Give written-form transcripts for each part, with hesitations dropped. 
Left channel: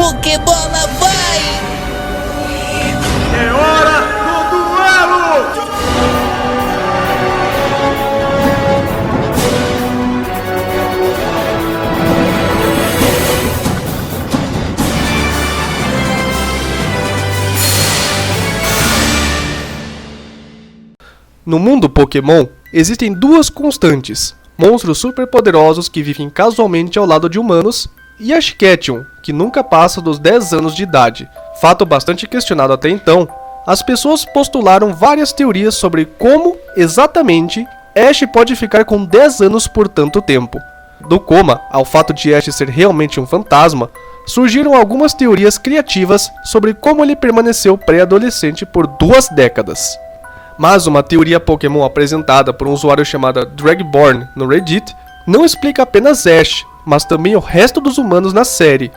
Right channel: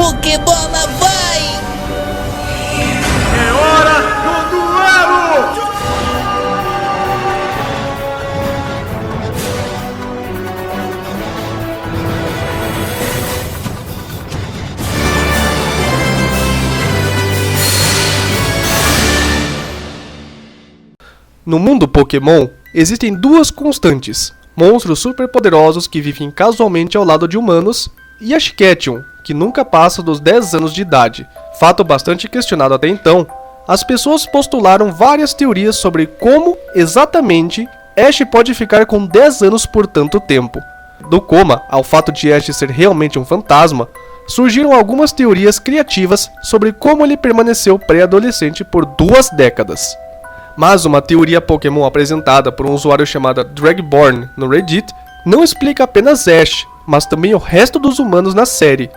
Pokébola vai! É hora do duelo! No mundo Pokémon, existem duas constantes: monstros superpoderosos que vivem casualmente ao lado de humanos, e Ash Ketchum, que nunca passa dos 10 anos de idade. Fato bastante questionado até então, as pessoas postularam várias teorias sobre como, exatamente, Ash pode ficar com 10 anos por tanto tempo. Do coma ao fato de Ash ser realmente um fantasma, surgiram algumas teorias criativas sobre como ele permaneceu pré-adolescente por 2 décadas. Mas uma teoria Pokémon apresentada por um usuário chamado Dragborn no Reddit não explica apenas Ash, mas também o resto dos humanos na série.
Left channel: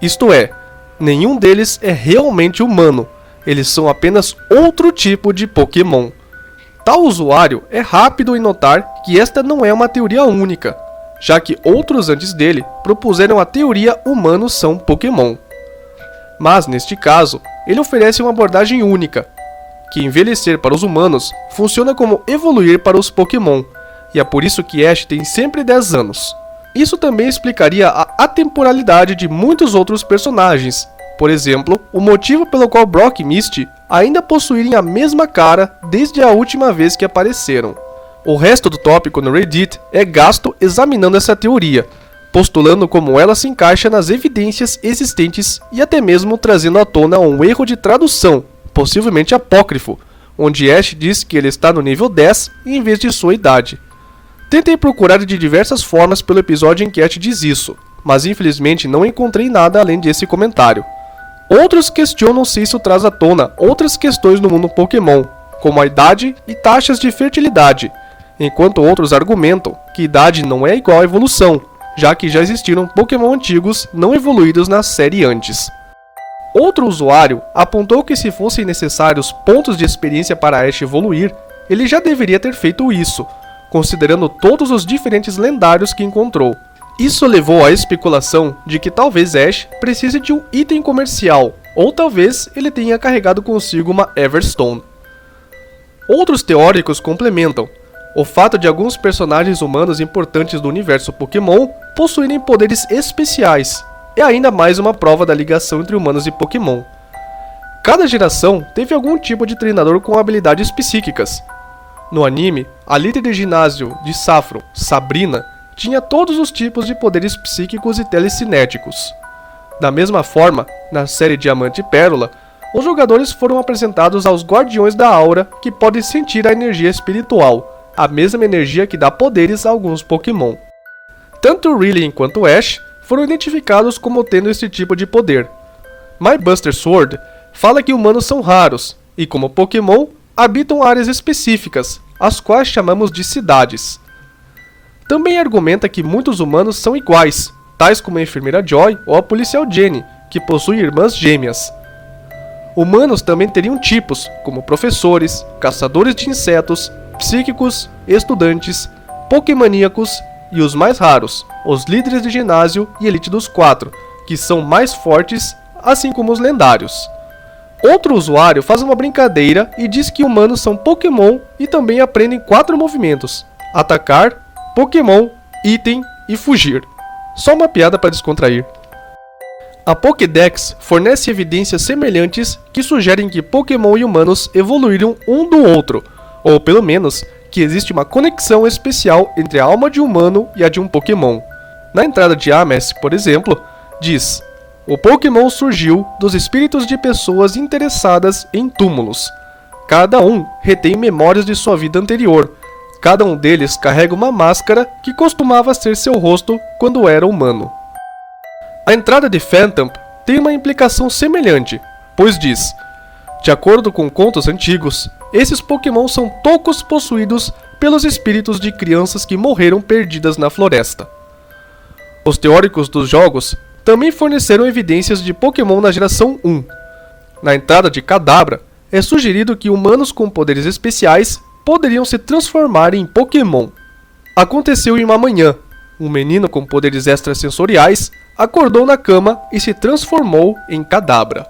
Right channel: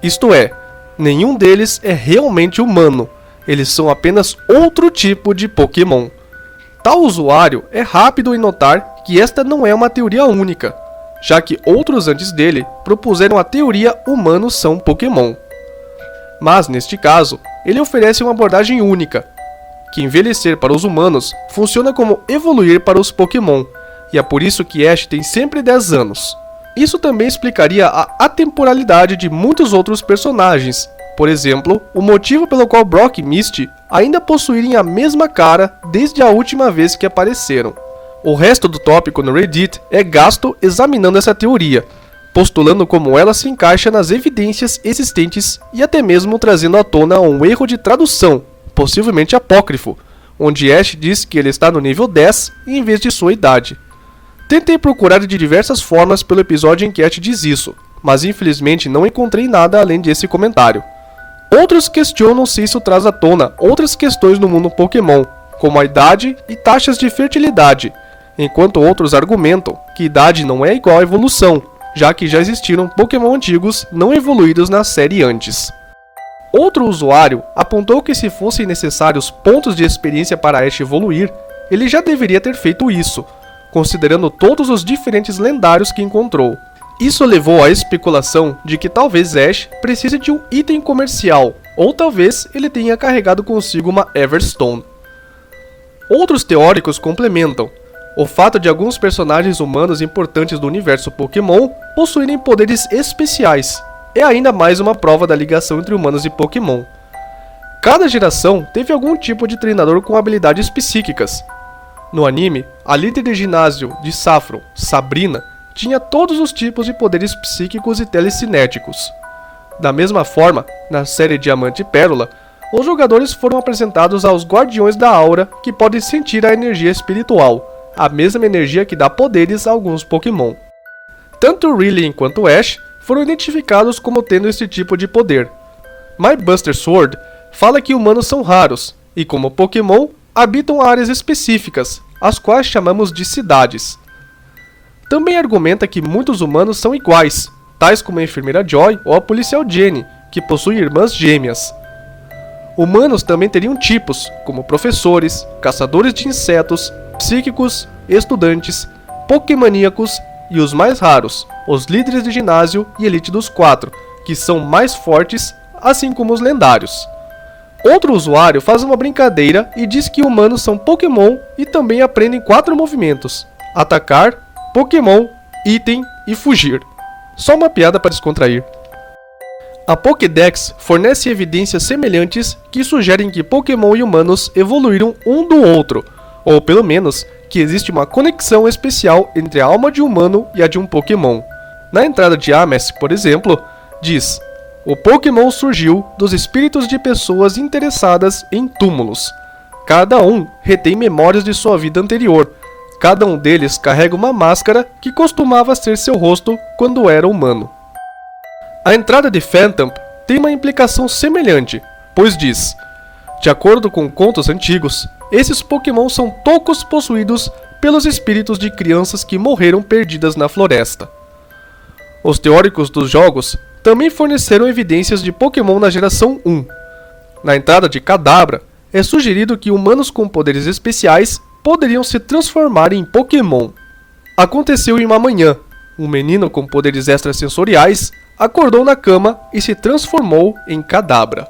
Isto é, nenhum deles é realmente humano, eles são apenas outro tipo de Pokémon. Tal usuário é rápido em notar que esta não é uma teoria única, já que outros antes dele propuseram a teoria humanos são Pokémon. Mas neste caso, ele oferece uma abordagem única, que envelhecer para os humanos funciona como evoluir para os Pokémon, e é por isso que Ash tem sempre 10 anos. Isso também explicaria a atemporalidade de muitos outros personagens, por exemplo, o motivo pelo qual Brock e Misty ainda possuírem a mesma cara desde a última vez que apareceram. O resto do tópico no Reddit é gasto examinando essa teoria, postulando como ela se encaixa nas evidências existentes e até mesmo trazendo à tona um erro de tradução, possivelmente apócrifo, onde Ash diz que ele está no nível 10 em vez de sua idade. Tentei procurar de diversas formas pelo episódio em que Ash diz isso, mas infelizmente não encontrei nada além desse comentário. Outros questionam se isso traz à tona outras questões no mundo Pokémon, como a idade e taxas de fertilidade, enquanto outros argumentam que idade não é igual à evolução, já que já existiram Pokémon antigos não evoluídos na série antes. Outro usuário apontou que se fossem necessários pontos de experiência para Ash evoluir, ele já deveria ter feito isso, considerando todos os diferentes lendários que encontrou. Isso levou à especulação de que talvez Ash precise de um item comercial, ou talvez ele tenha carregado consigo uma Everstone. Outros teóricos complementam o fato de alguns personagens humanos importantes do universo Pokémon possuírem poderes especiais. É ainda mais uma prova da ligação entre humanos e Pokémon. Cada geração teve algum tipo de treinador com habilidades psíquicas. No anime, a líder de ginásio de Saffron, Sabrina, tinha todos os tipos de poderes psíquicos e telecinéticos. Da mesma forma, na série Diamante e Pérola, os jogadores foram apresentados aos Guardiões da Aura, que podem sentir a energia espiritual, a mesma energia que dá poderes a alguns Pokémon. Tanto Riley quanto Ash foram identificados como tendo esse tipo de poder. My Buster Sword fala que humanos são raros, e como Pokémon, habitam áreas específicas, as quais chamamos de cidades. Também argumenta que muitos humanos são iguais, tais como a enfermeira Joy ou a policial Jenny, que possuem irmãs gêmeas. Humanos também teriam tipos, como professores, caçadores de insetos, psíquicos, estudantes, pokémoníacos e os mais raros, os líderes de ginásio e elite dos 4, que são mais fortes, assim como os lendários. Outro usuário faz uma brincadeira e diz que humanos são Pokémon e também aprendem 4 movimentos: atacar, Pokémon, item e fugir. Só uma piada para descontrair. A Pokédex fornece evidências semelhantes que sugerem que Pokémon e humanos evoluíram um do outro, ou pelo menos que existe uma conexão especial entre a alma de um humano e a de um Pokémon. Na entrada de Ames, por exemplo, diz: o Pokémon surgiu dos espíritos de pessoas interessadas em túmulos. Cada um retém memórias de sua vida anterior. Cada um deles carrega uma máscara que costumava ser seu rosto quando era humano. A entrada de Phantom tem uma implicação semelhante, pois diz: de acordo com contos antigos, esses Pokémon são toucos possuídos pelos espíritos de crianças que morreram perdidas na floresta. Os teóricos dos jogos também forneceram evidências de Pokémon na geração 1. Na entrada de Kadabra, é sugerido que humanos com poderes especiais poderiam se transformar em Pokémon. Aconteceu em uma manhã. um menino com poderes extrasensoriais, acordou na cama e se transformou em Kadabra.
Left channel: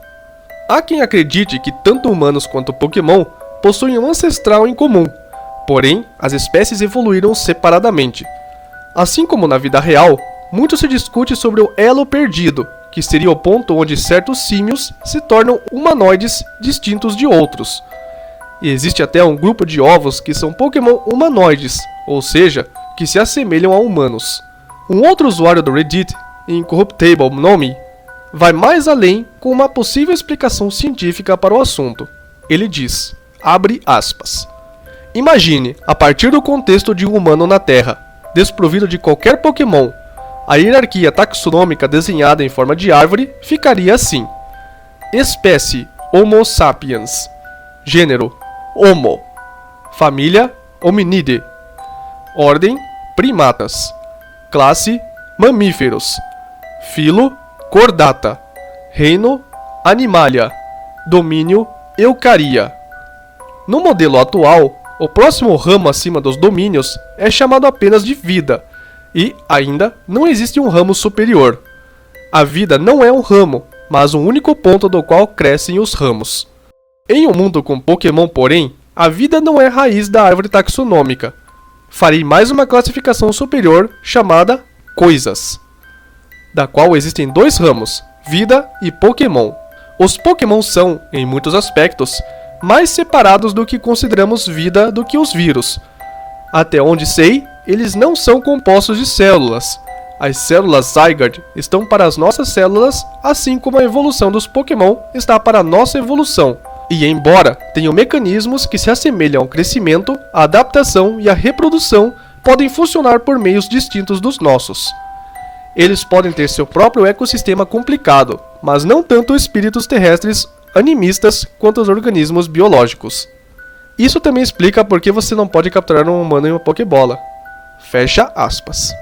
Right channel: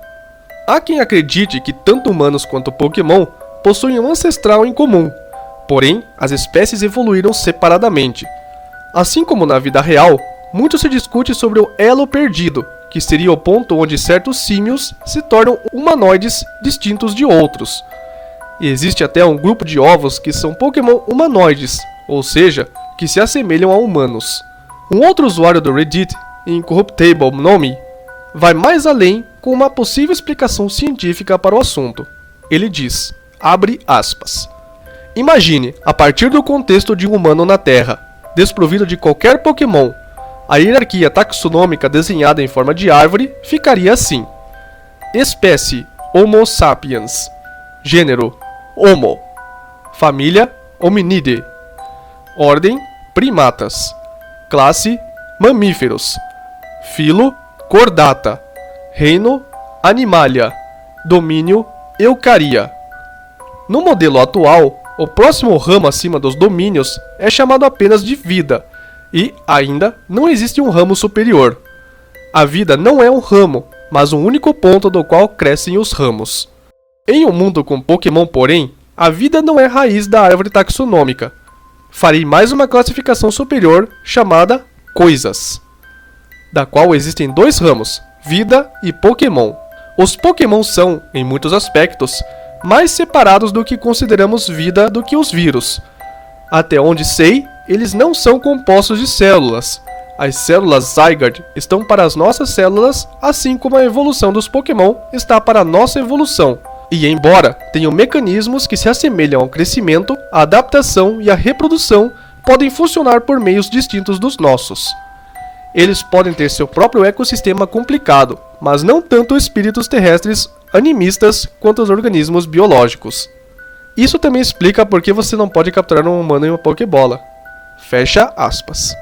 Há quem acredite que tanto humanos quanto Pokémon possuem um ancestral em comum, porém as espécies evoluíram separadamente. Assim como na vida real, muito se discute sobre o elo perdido, que seria o ponto onde certos símios se tornam humanoides distintos de outros. E existe até um grupo de ovos que são Pokémon humanoides, ou seja, que se assemelham a humanos. Um outro usuário do Reddit, Incorruptible Nomi, vai mais além com uma possível explicação científica para o assunto. Ele diz, abre aspas, imagine, a partir do contexto de um humano na Terra, desprovido de qualquer Pokémon, a hierarquia taxonômica desenhada em forma de árvore ficaria assim. Espécie Homo sapiens. Gênero Homo. Família Hominidae. Ordem Primatas. Classe Mamíferos. Filo Chordata. Reino Animalia. Domínio Eucaria. No modelo atual, o próximo ramo acima dos domínios é chamado apenas de vida, e, ainda, não existe um ramo superior. A vida não é um ramo, mas um único ponto do qual crescem os ramos. Em um mundo com Pokémon, porém, a vida não é raiz da árvore taxonômica. Farei mais uma classificação superior chamada Coisas, da qual existem dois ramos, vida e Pokémon. Os Pokémon são, em muitos aspectos, mais separados do que consideramos vida do que os vírus. Até onde sei, eles não são compostos de células. As células Zygarde estão para as nossas células, assim como a evolução dos Pokémon está para a nossa evolução. E embora tenham mecanismos que se assemelham ao crescimento, a adaptação e a reprodução podem funcionar por meios distintos dos nossos. Eles podem ter seu próprio ecossistema complicado, mas não tanto espíritos terrestres animistas quanto os organismos biológicos. Isso também explica por que você não pode capturar um humano em uma Pokébola. Fecha aspas.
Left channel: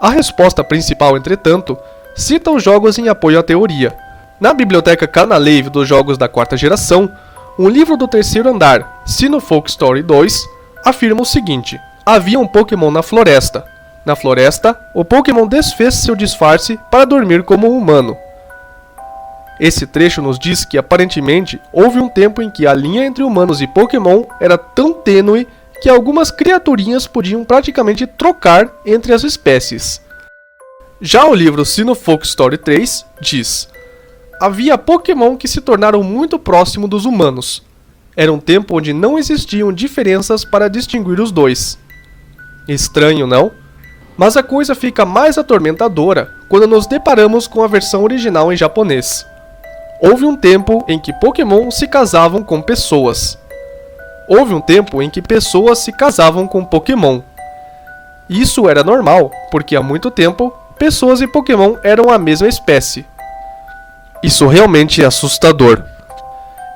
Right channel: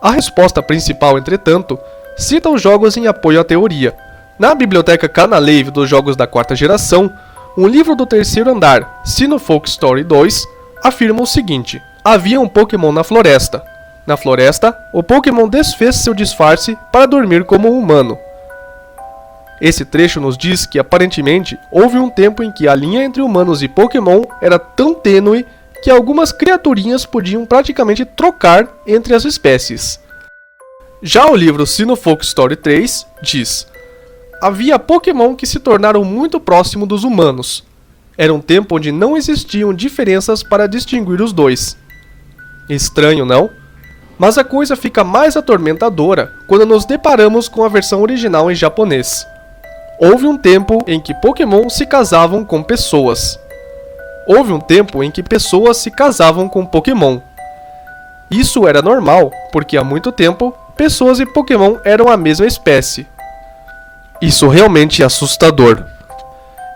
A resposta principal, entretanto, cita os jogos em apoio à teoria. Na biblioteca Canalave dos jogos da quarta geração, um livro do terceiro andar, Sinofolk Story 2, afirma o seguinte: havia um Pokémon na floresta. Na floresta, o Pokémon desfez seu disfarce para dormir como um humano. Esse trecho nos diz que, aparentemente, houve um tempo em que a linha entre humanos e Pokémon era tão tênue que algumas criaturinhas podiam praticamente trocar entre as espécies. Já o livro Sinofolk Story 3 diz: havia Pokémon que se tornaram muito próximos dos humanos. Era um tempo onde não existiam diferenças para distinguir os dois. Estranho, não? Mas a coisa fica mais atormentadora quando nos deparamos com a versão original em japonês. Houve um tempo em que Pokémon se casavam com pessoas. Houve um tempo em que pessoas se casavam com Pokémon. Isso era normal, porque há muito tempo, pessoas e Pokémon eram a mesma espécie. Isso realmente é assustador.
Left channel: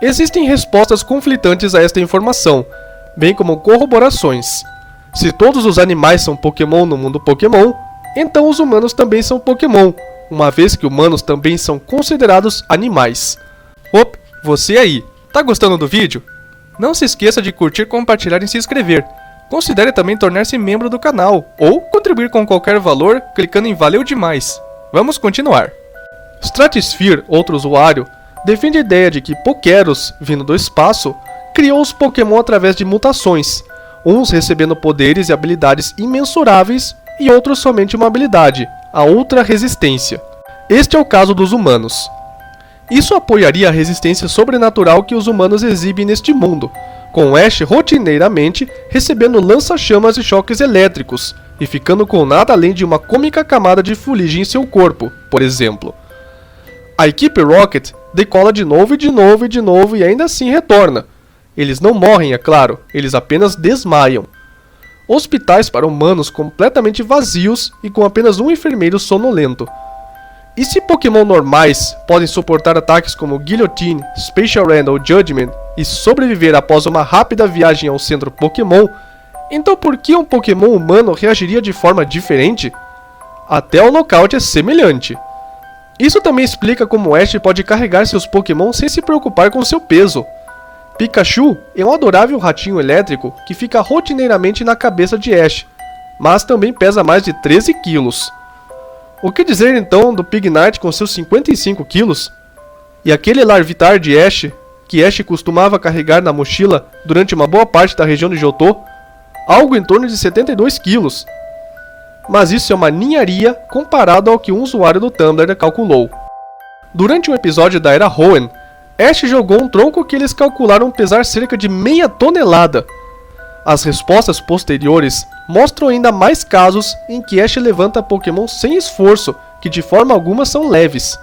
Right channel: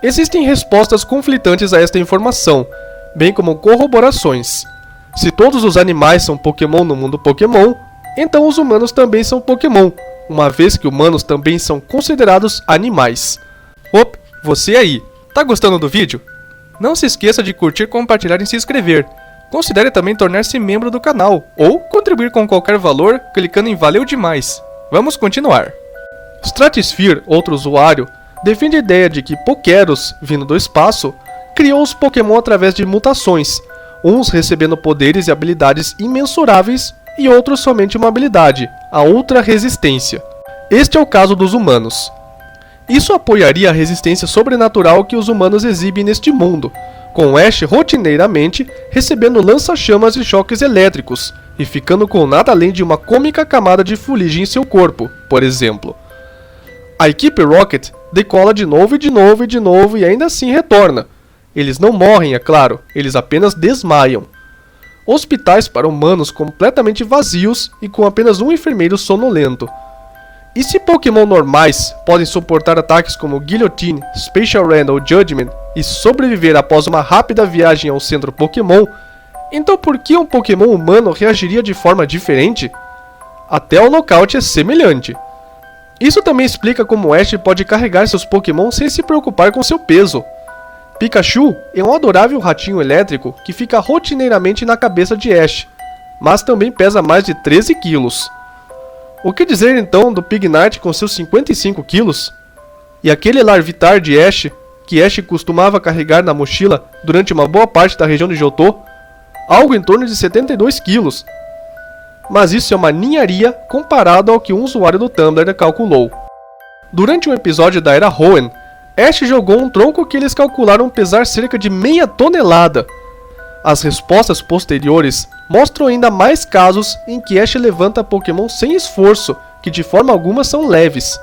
Existem respostas conflitantes a esta informação, bem como corroborações. Se todos os animais são Pokémon no mundo Pokémon, então os humanos também são Pokémon, uma vez que humanos também são considerados animais. Op, você aí, tá gostando do vídeo? Não se esqueça de curtir, compartilhar e se inscrever. Considere também tornar-se membro do canal, ou contribuir com qualquer valor clicando em Valeu Demais. Vamos continuar. Stratosphere, outro usuário, defende a ideia de que Pokéros, vindo do espaço, criou os Pokémon através de mutações, uns recebendo poderes e habilidades imensuráveis e outros somente uma habilidade, a Ultra Resistência. Este é o caso dos humanos. Isso apoiaria a resistência sobrenatural que os humanos exibem neste mundo, com Ash rotineiramente recebendo lança-chamas e choques elétricos, e ficando com nada além de uma cômica camada de fuligem em seu corpo, por exemplo. A equipe Rocket decola de novo e de novo e de novo e ainda assim retorna. Eles não morrem, é claro, eles apenas desmaiam. Hospitais para humanos completamente vazios e com apenas um enfermeiro sonolento. E se Pokémon normais podem suportar ataques como Guillotine, Special Rand ou Judgment e sobreviver após uma rápida viagem ao centro Pokémon, então por que um Pokémon humano reagiria de forma diferente? Até o nocaute é semelhante. Isso também explica como Ash pode carregar seus Pokémon sem se preocupar com seu peso. Pikachu é um adorável ratinho elétrico que fica rotineiramente na cabeça de Ash. mas também pesa mais de 13 quilos. O que dizer então do Pignite com seus 55 quilos? E aquele Larvitar de Ash, que Ash costumava carregar na mochila durante uma boa parte da região de Johto? Algo em torno de 72 quilos. Mas isso é uma ninharia comparado ao que um usuário do Tumblr calculou. Durante um episódio da Era Hoenn, Ash jogou um tronco que eles calcularam pesar cerca de meia tonelada. As respostas posteriores mostram ainda mais casos em que Ash levanta Pokémon sem esforço, que de forma alguma são leves.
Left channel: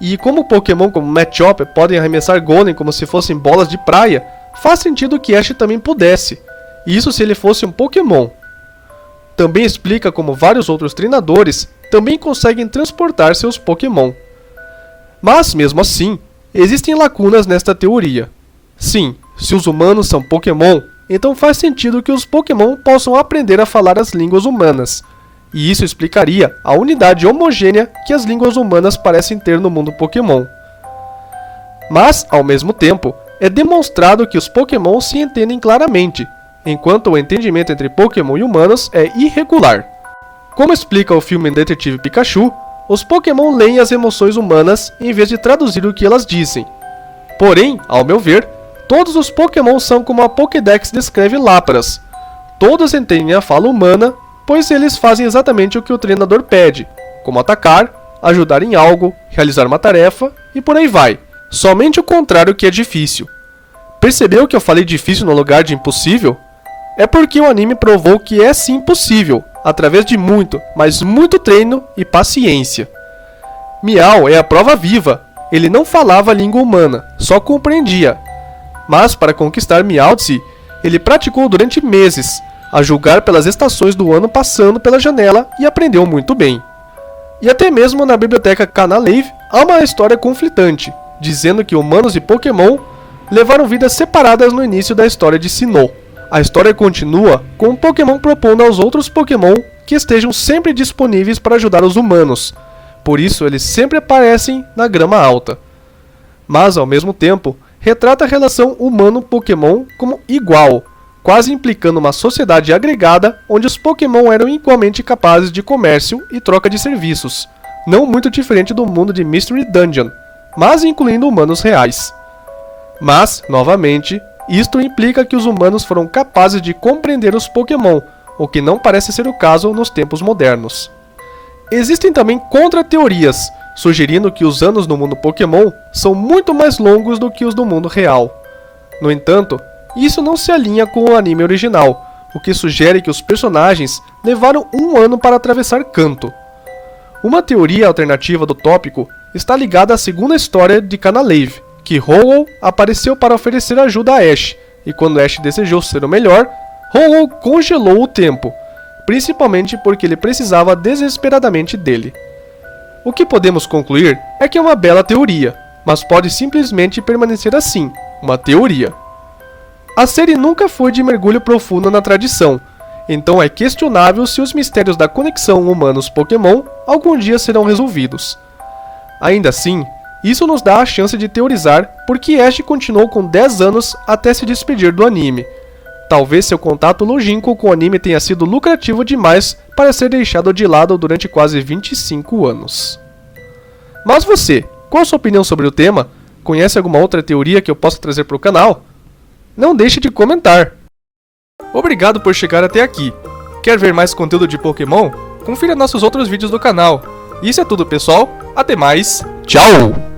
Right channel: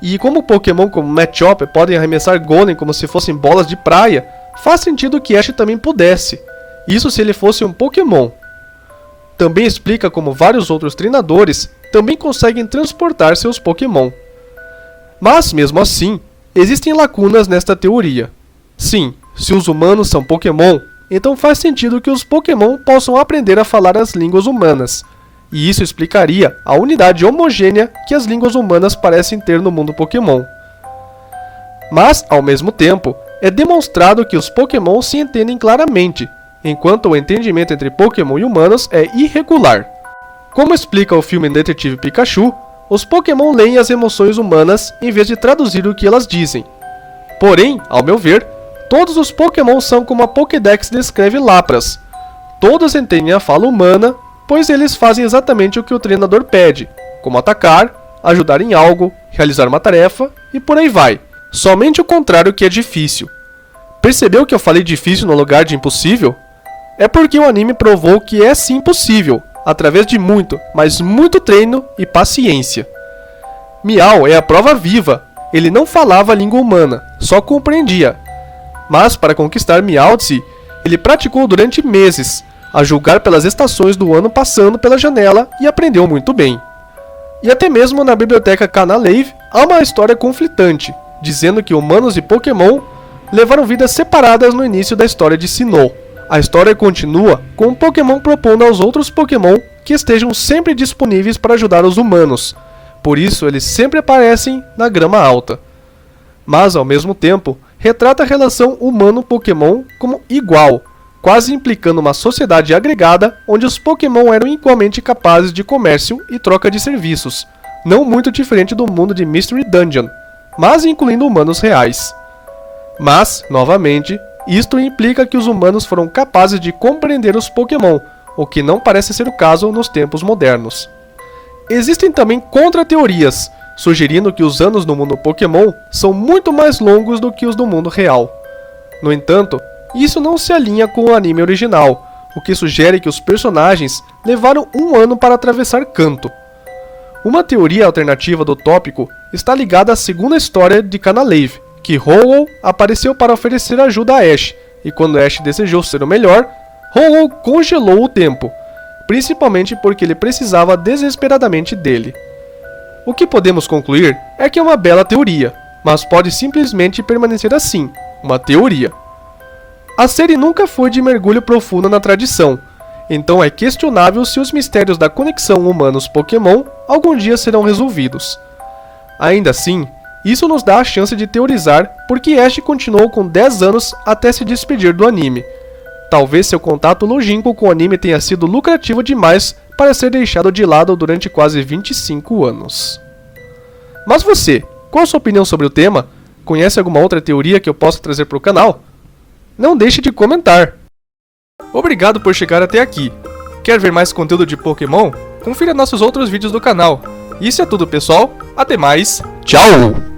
E como Pokémon como Machop podem arremessar Golem como se fossem bolas de praia, faz sentido que Ash também pudesse. Isso se ele fosse um Pokémon. Também explica como vários outros treinadores também conseguem transportar seus Pokémon. Mas, mesmo assim, existem lacunas nesta teoria. Sim, se os humanos são Pokémon, então faz sentido que os Pokémon possam aprender a falar as línguas humanas. E isso explicaria a unidade homogênea que as línguas humanas parecem ter no mundo Pokémon. Mas, ao mesmo tempo, é demonstrado que os Pokémon se entendem claramente, enquanto o entendimento entre Pokémon e humanos é irregular. Como explica o filme Detetive Pikachu, os Pokémon leem as emoções humanas em vez de traduzir o que elas dizem. Porém, ao meu ver, todos os Pokémon são como a Pokédex descreve Lapras. Todos entendem a fala humana, pois eles fazem exatamente o que o treinador pede, como atacar, ajudar em algo, realizar uma tarefa e por aí vai. Somente o contrário que é difícil. Percebeu que eu falei difícil no lugar de impossível? É porque o anime provou que é sim possível, através de muito, mas muito treino e paciência. Meow é a prova viva. Ele não falava a língua humana, só compreendia. Mas para conquistar Meowth, ele praticou durante meses, a julgar pelas estações do ano passando pela janela e aprendeu muito bem. E até mesmo na biblioteca Canalave há uma história conflitante, dizendo que humanos e Pokémon levaram vidas separadas no início da história de Sinnoh. A história continua com um Pokémon propondo aos outros Pokémon que estejam sempre disponíveis para ajudar os humanos. Por isso eles sempre aparecem na grama alta. Mas ao mesmo tempo, retrata a relação humano-Pokémon como igual, quase implicando uma sociedade agregada onde os Pokémon eram igualmente capazes de comércio e troca de serviços, não muito diferente do mundo de Mystery Dungeon, mas incluindo humanos reais. Mas, novamente, isto implica que os humanos foram capazes de compreender os Pokémon, o que não parece ser o caso nos tempos modernos. Existem também contra-teorias, sugerindo que os anos no mundo Pokémon são muito mais longos do que os do mundo real. No entanto, isso não se alinha com o anime original, o que sugere que os personagens levaram um ano para atravessar Kanto. Uma teoria alternativa do tópico está ligada à segunda história de Canalave, que Ho-Oh apareceu para oferecer ajuda a Ash, e quando Ash desejou ser o melhor, Ho-Oh congelou o tempo, principalmente porque ele precisava desesperadamente dele. O que podemos concluir é que é uma bela teoria, mas pode simplesmente permanecer assim, uma teoria. A série nunca foi de mergulho profundo na tradição, então é questionável se os mistérios da conexão humanos-Pokémon algum dia serão resolvidos. Ainda assim, isso nos dá a chance de teorizar por que Ash continuou com 10 anos até se despedir do anime. Talvez seu contato longínquo com o anime tenha sido lucrativo demais para ser deixado de lado durante quase 25 anos. Mas você, qual a sua opinião sobre o tema? Conhece alguma outra teoria que eu possa trazer para o canal? Não deixe de comentar! Obrigado por chegar até aqui. Quer ver mais conteúdo de Pokémon? Confira nossos outros vídeos do canal. Isso é tudo, pessoal. Até mais. Tchau!